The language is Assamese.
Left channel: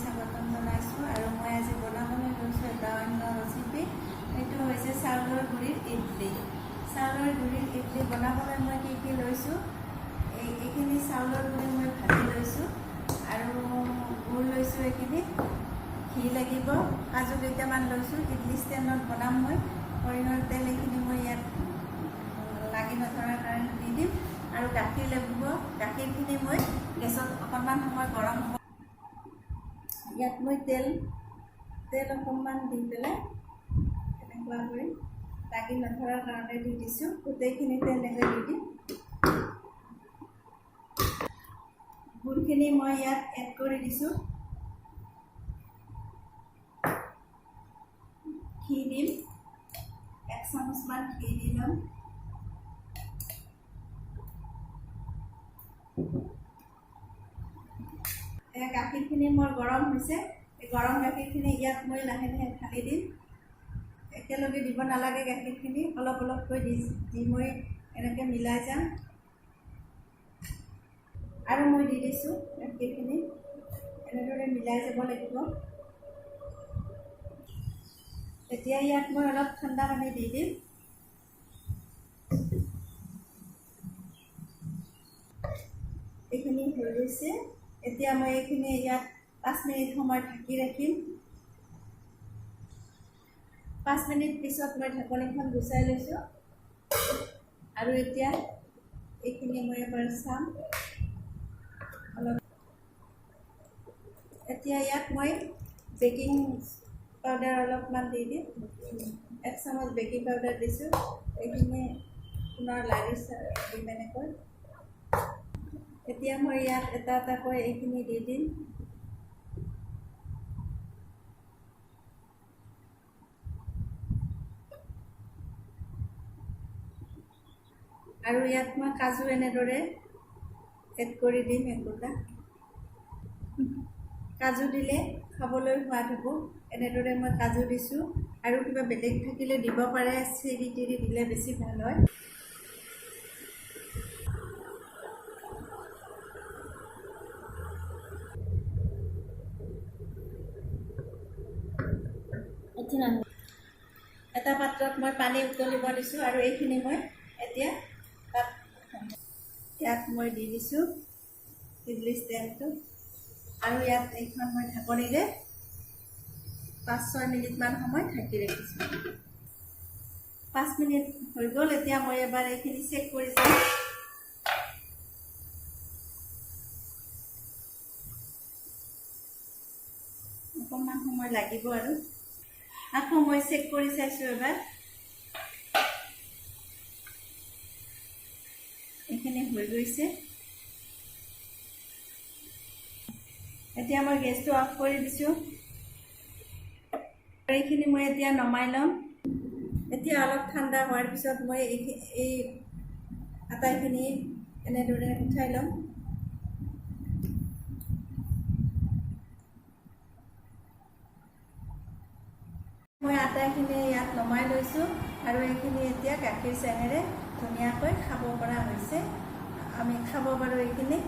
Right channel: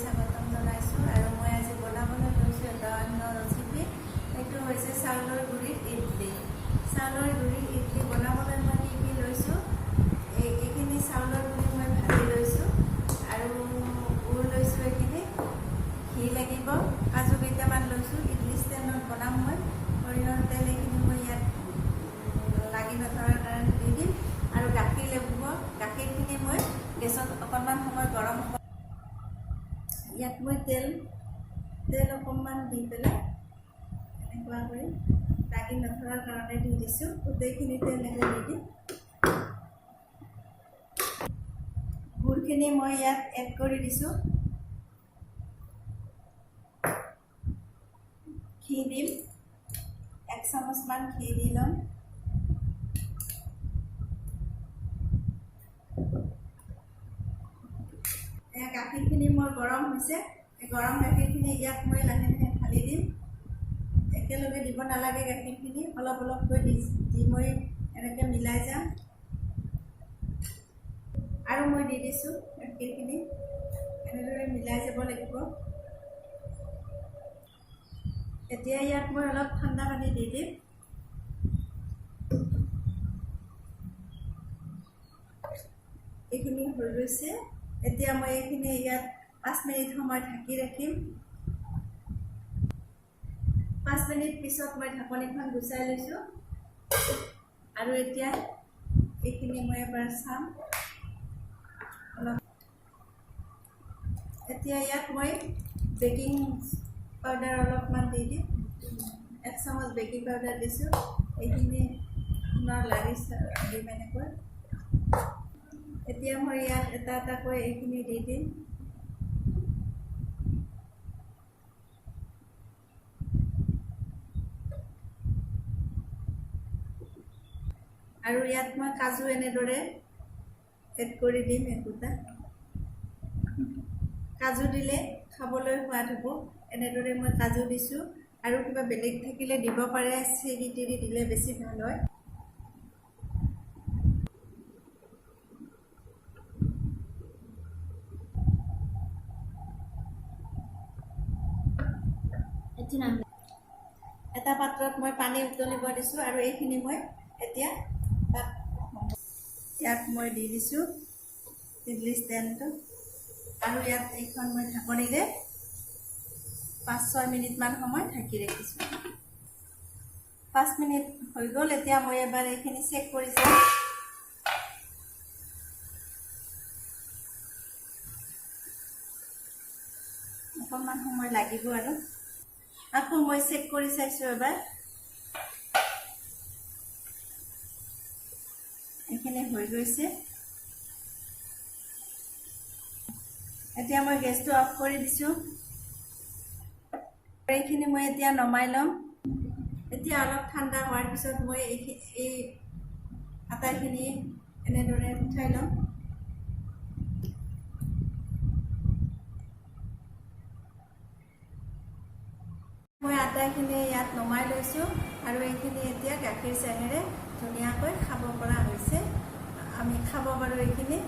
স্বাগতম জনাইছোঁ আৰু মই আজি বনাবলৈ লৈছোঁ এটা অন্য ৰেচিপি। এইটো হৈছে চাউলৰ গুড়িৰ ইডলি। চাউলৰ গুড়িৰ ইডলি বনাবলৈ মই কি লৈছোঁ, এইখিনি চাউলৰ গুড়ি মই ভাজি লৈছোঁ আৰু গুড় লৈছোঁ, এইখিনি ঘি লাগিব, কাজু কেইটামান লৈছোঁ, ইডলি ষ্টেণ্ডত বনাম মই। সৰিয়হৰ তেল এইখিনি মই ইয়াত লাগি নথকাৰ কাৰণে দি দিম আৰু গাখীৰ লাগিব। গাখীৰখিনি মই গেছত অকণমান সময় গৰম হ'ব। ইয়াত মই তেল অকণমান দি পেলাই এনেকুৱা কৰি লাগি নধৰাৰ কাৰণে দি দিছোঁ। গোটেইখিনি তেল এনেকৈ দি দিম। গুড়খিনি মই ইয়াত এড কৰি দিছোঁ। ঘি দিম, 1 চামুচমান ঘি দি ল'ম। গাখীৰখিনি মোৰ গৰম হৈছে। এই গৰম গাখীৰখিনি ইয়াত মই লাহে লাহে ঢালি দিম। একেলগে দিব নালাগে, গাখীৰখিনি অলপ অলপকৈ দি মই এনেকৈ মিলাই যাম। আৰু মই দি দিছোঁ গাখীৰখিনি, এনেদৰে মিলাই যাব লাগিব। এতিয়া ইয়াত মই অলপ ঠাণ্ডা পানী দি দিম। এইখিনি হৈ গৈছে। এতিয়া মই এইখিনি ইয়াত 5 মিনিট সময় ঢাকি ৰাখিম। 5 মিনিট পিছত মই ঢাকনিখন গুচাই লৈছোঁ আৰু এতিয়া এইখিনি মই এবাৰ চাম অলপ। এতিয়া ইয়াত মই বেকিং পাউডাৰ অলপমান দি দিম। 1 চামুচ বেকিং পাউডাৰ দিছোঁ। এইখিনি পুনৰ লাগি দিম এনেকৈ। এতিয়া মই ইয়াত এটা এটাকৈ এইখিনি দি দিম। আৰু ইয়াত মই কাজু এনেদৰে এড কৰি দিম। একোটা কাজু দিলে খাবলৈ সোৱাদ হ'ব। এনেদৰে মই কাজু দিছোঁ আৰু কিবা বেলেগ থাকিলে দিব পাৰে, চেৰি তেৰি দিলে বেছি ভাল হয়। এটা পাত্ৰত মই পানী উতলিব দিছোঁ আৰু এইখিনি মই এতিয়া ইয়াত মই দি দিছোঁ ইডলি ষ্টেণ্ডটো আৰু ইয়াত এইখন মই ঢাকনিৰে 5-6 মিনিটমান সময় ঢাকি ৰাখিছোঁ। 5 মিনিট হৈ গ'ল। এতিয়া মই এবাৰ এইখিনি চেক কৰি চাম। অকণমান সময় লাগিব আৰু আকৌ মই চেক কৰি চাইছোঁ এবাৰ। এইখিনি হৈ গৈছে। এতিয়া মই গেছটো অফ কৰি দিছোঁ। এইখিনি মই এতিয়া নমাই ল'ম। এতিয়া অলপ ঠাণ্ডা হোৱাৰ পিছত মই এই আটাখিনি এনেদৰে উঠাই ল'ম। মই আটাখিনি ইয়াত নমাই লৈছোঁ আৰু এইখিনি এতিয়া গাখীৰ চেনেৰে ধুনীয়াকৈ খাব পৰা হৈছে। আমি খাব পাৰোঁ এইখিনি।